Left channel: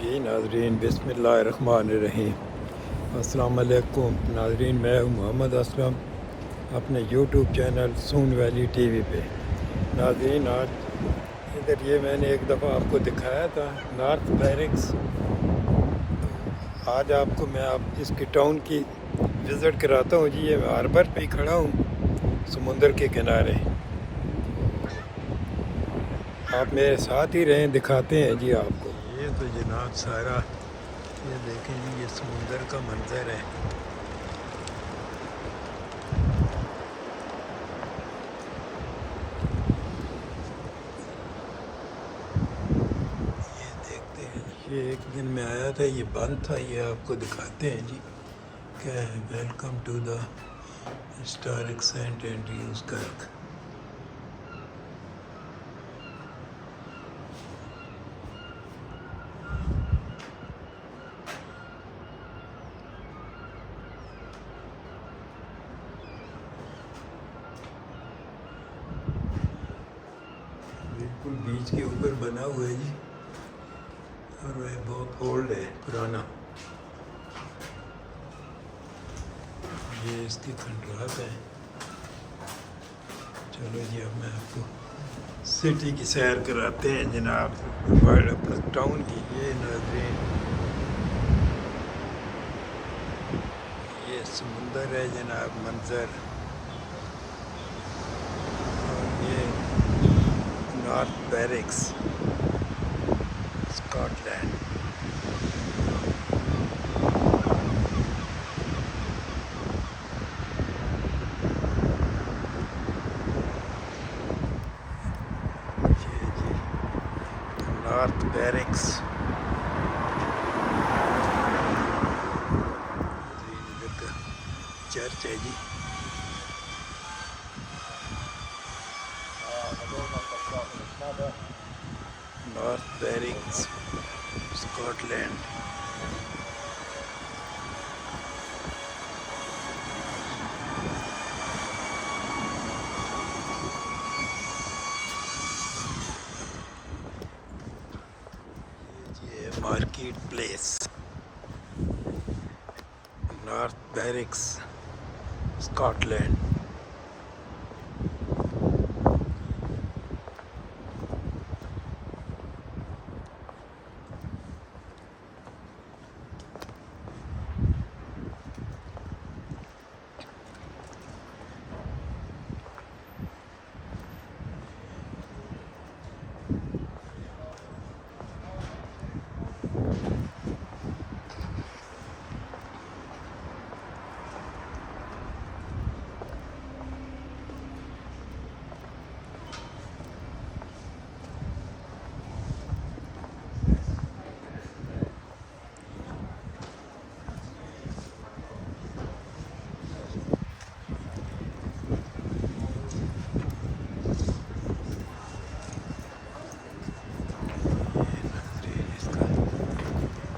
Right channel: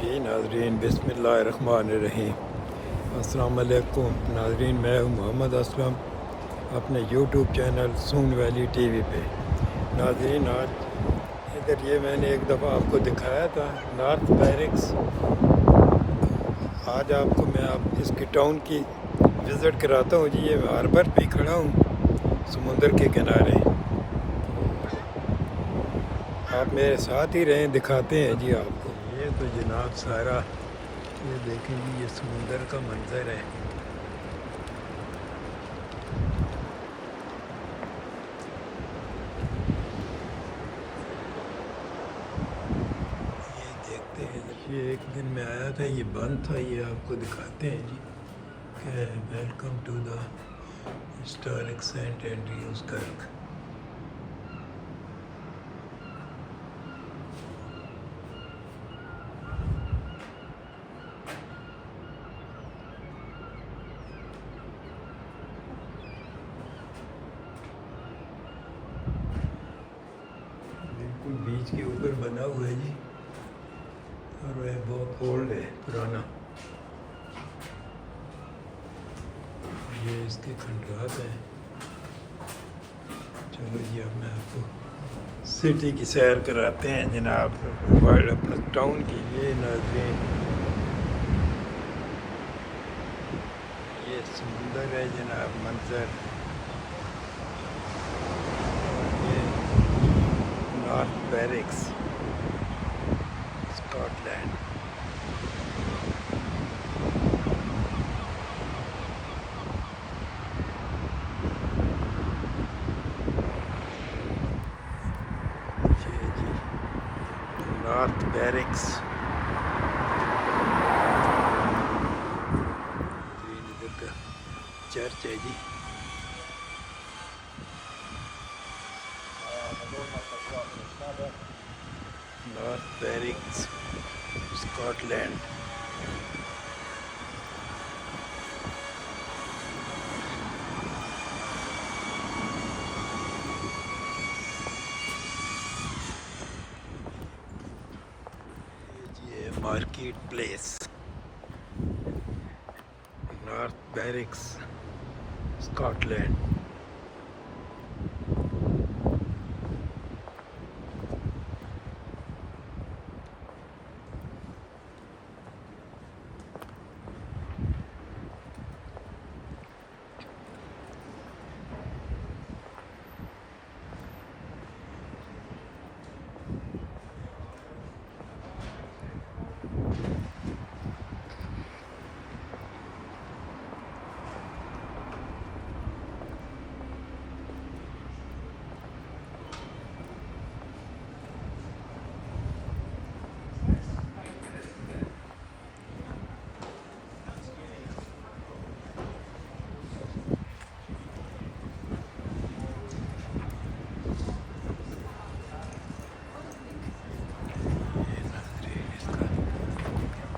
जी नाजरीन बिस्मिल्लाहिर्रहमानिर्रहीम। अस्सलाम वालेकुम नाजरीन, मैं हूँ मोहम्मद असलम अपने यूट्यूब चैनल सून वैली टीवी पे। नाजरीन आज इधर ये मैंने एक दफ़ा आपको दिखाया था नॉर्थ बैरिक्स। आज आपको मैं इसकी टाउन की विज़िट कराता हूँ जी। ये हार्बर पे खड़ा हूँ समुंदर के किनारे। आप मेरे साथ ही रहें, दिखाते हैं जी आपको। ये तो जनाब सारा ये देखें जी, ये समुंदर का मंजर है। ये देखते हैं, ये एक दिन में आया था, ये बंद था, ये आपको दिखाते हैं जी। क्या है, welcome to the historic Saint Andrew's Kirk. बिल्कुल बीच के ऊपर बना हुआ है जी, और वह बहुत ओल्ड है, पुराना। ये इसके खंडरात हैं। चलो जी, अब मैं आपको सिटी की सैर कराते हैं जनाब, वर्ल्ड अपना टाउन की। ये नाज़रीन, ये समुंदर है जनाब, मंजर। और ये नॉर्थ बैरिक्स, स्कॉटलैंड। ये जी नॉर्थ बैरिक्स। इधर का चर्च है जी। North Berwick, Scotland. ये market place, North Berwick, Scotland.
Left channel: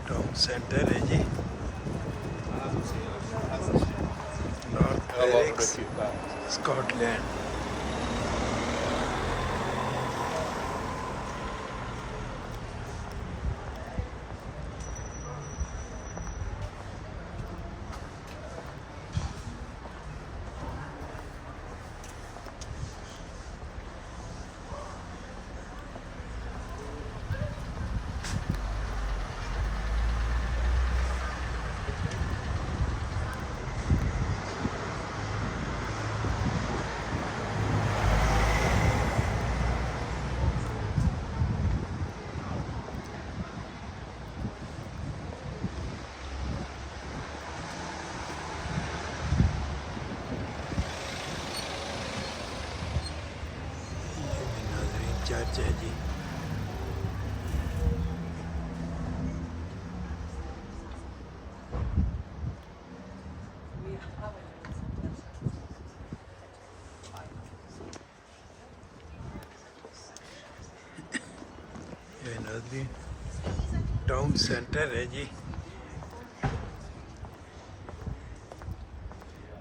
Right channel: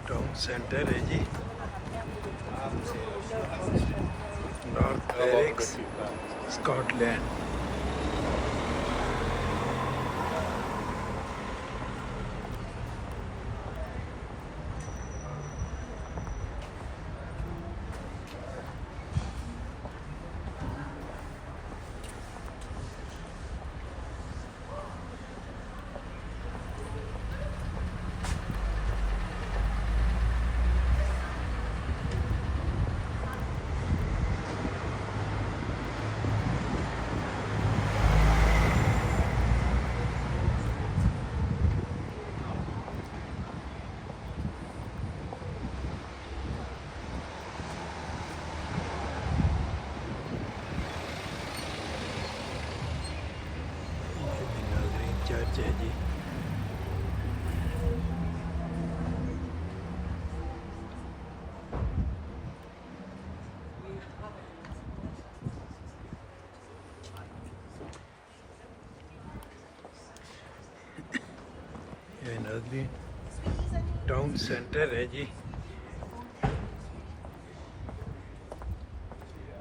Town centre है जी, नॉर्थ बैरिक्स, स्कॉटलैंड। चर्च है जी। ये नाज़रीन टाउन सेंटर है जी,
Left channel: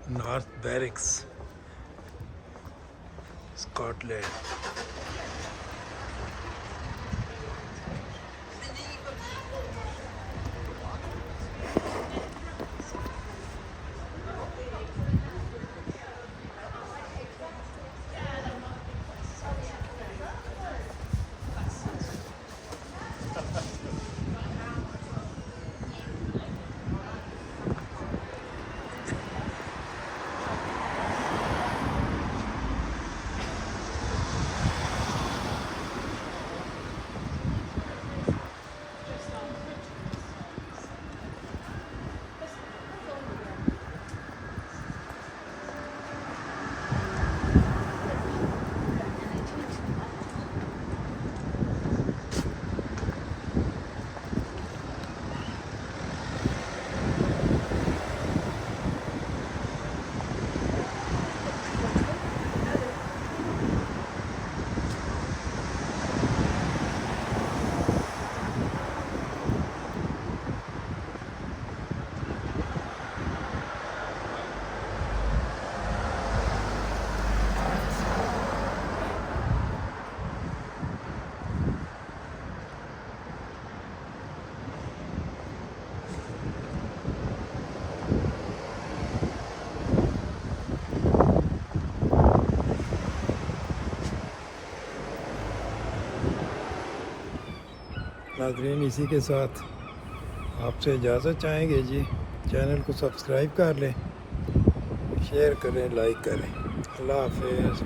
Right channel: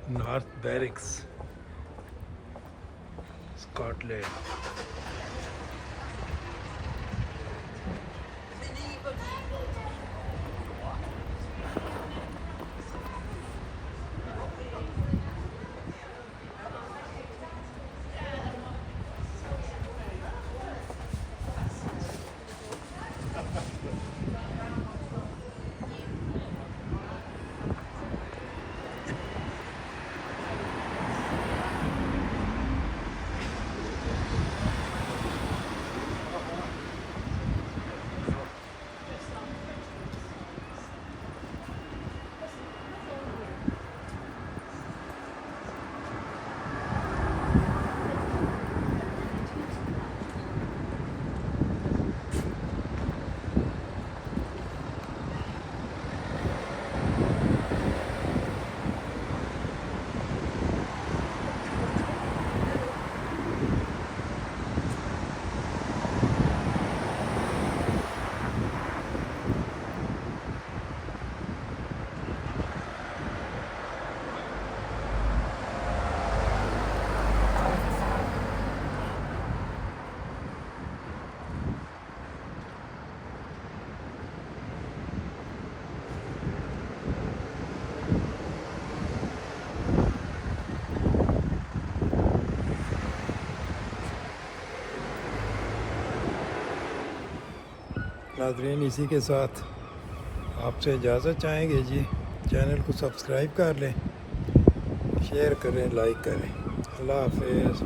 नॉर्थ बैरिक्स, स्कॉटलैंड। नाज़रीन इसी के साथ आपसे इजाज़त चाहेंगे जी। चैनल को सब्सक्राइब कर लें, शेयर करें, लाइक करें। अल्लाह हाफ़िज़।